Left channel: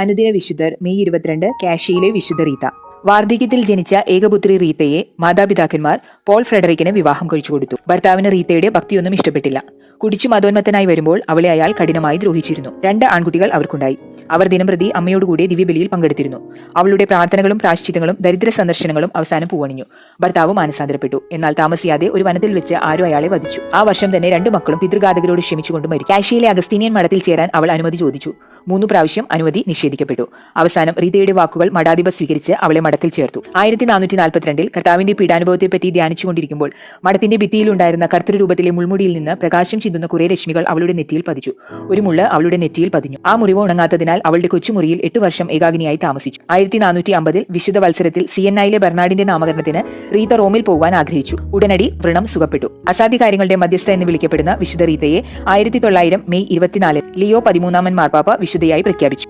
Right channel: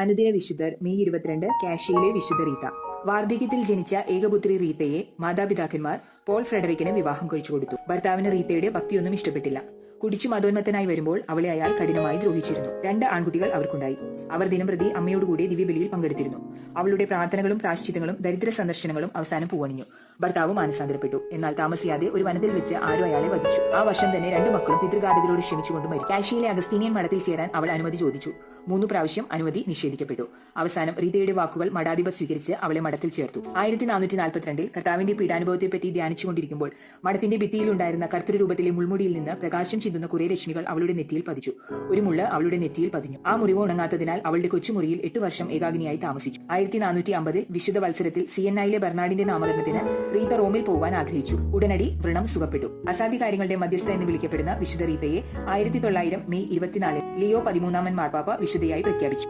അനുദിന വിശുദ്ധർ മെയ് 22 കാഷ്യയിലെ വിശുദ്ധ റീത്ത. വാർദ്ധക്യത്തിൽ ജനിച്ച ഏകപുത്രി റീത്തയെ മാതാപിതാക്കന്മാർ പോൾ ഫ്രെഡറിക്കിന് വിവാഹം കഴിച്ചു കൊടുത്തു. ഭർത്താവിന് റീത്തയുടെ ഭക്തിയൊന്നും ഇഷ്ടപ്പെട്ടില്ല. കുടിച്ചു മതോന്മത്തനായി വരുമ്പോൾ അവളെ അയാൾ കഠിനമായി ദ്രോഹിച്ചിരുന്നു. 2 ആൺകുട്ടികൾ അവർക്കുണ്ടായി. അവർ ദിനംപ്രതി അമ്മയോടുകൂടി ദിവ്യബലിയിൽ പങ്കെടുത്തിരുന്നു. അവളുടെ പ്രാർത്ഥനകളും പ്രാശ്ചിത്തങ്ങളും ദരിദ്ര സന്ദർശനങ്ങളും അവസാനം പൂവണിഞ്ഞു. ഭർത്താവ് മാനസാന്തരപ്പെട്ടു. എന്നാൽ താമസിയാതെ ഒരു വനത്തിൽ വെച്ച് ആരും അയാളെ വധിച്ചു. ആ വർഷം തന്നെ 2 മക്കളും പിതൃഘാതകരോട് ക്ഷമിച്ചുകൊണ്ട് മരിച്ചു. കാഷ്യയിലെ അഗസ്തീനിയൻ മഠത്തിൽ ചേരാൻ അവൾ അനുമതി ചോദിച്ചു. 3 പ്രാവശ്യം അനുമതി നിഷേധിക്കപ്പെട്ടു. അവസാനം റീതയുടെ വാക്കുകൾ മഠാധിപർ സ്വീകരിച്ച് അവളെ മഠത്തിൽ ചേർത്തു. 1442 കർത്താവിന്റെ പീഡാനുഭവത്തെപ്പറ്റി ധ്യാനിച്ചുകൊണ്ടിരിക്കുമ്പോൾ മഠത്തിന്റെ ഭിത്തിയിലുണ്ടായിരുന്ന കർത്തൃരൂപത്തിലെ മുൾമുടിയിൽ നിന്ന് പ്രകാശം ചിന്തുന്ന കുറെ രശ്മികൾ അവളുടെ നെറ്റിയിൽ പതിച്ചു. ഒരു മുള്ള അവളുടെ നെറ്റിയിൽ പതിഞ്ഞു. ആ മുറിവ് ഉണങ്ങാത്തതിനാൽ അവളുടെ കൊച്ചുമുറിയിൽ 8 വർഷം ഏകാഗ്നിയായി താമസിച്ചു. 1450 വിശുദ്ധ വത്സരത്തിൽ സിയന്നായിലെ ബെർണാഡിന്റെ നാമകരണത്തിന് റീത്ത റോമിൽ പോകാൻ ആഗ്രഹിച്ചു. ഉടനടി വ്രണം സുഖപ്പെട്ടു. അസാധ്യ കാര്യങ്ങളുടെ മധ്യസ്ഥ എന്ന് വിളിക്കപ്പെടുന്ന വിശുദ്ധ റീത്തയെ 1900 മെയ് 24 ലിയോ 13 മാർപ്പാപ്പ വിശുദ്ധയായി പ്രഖ്യാപിച്ചു.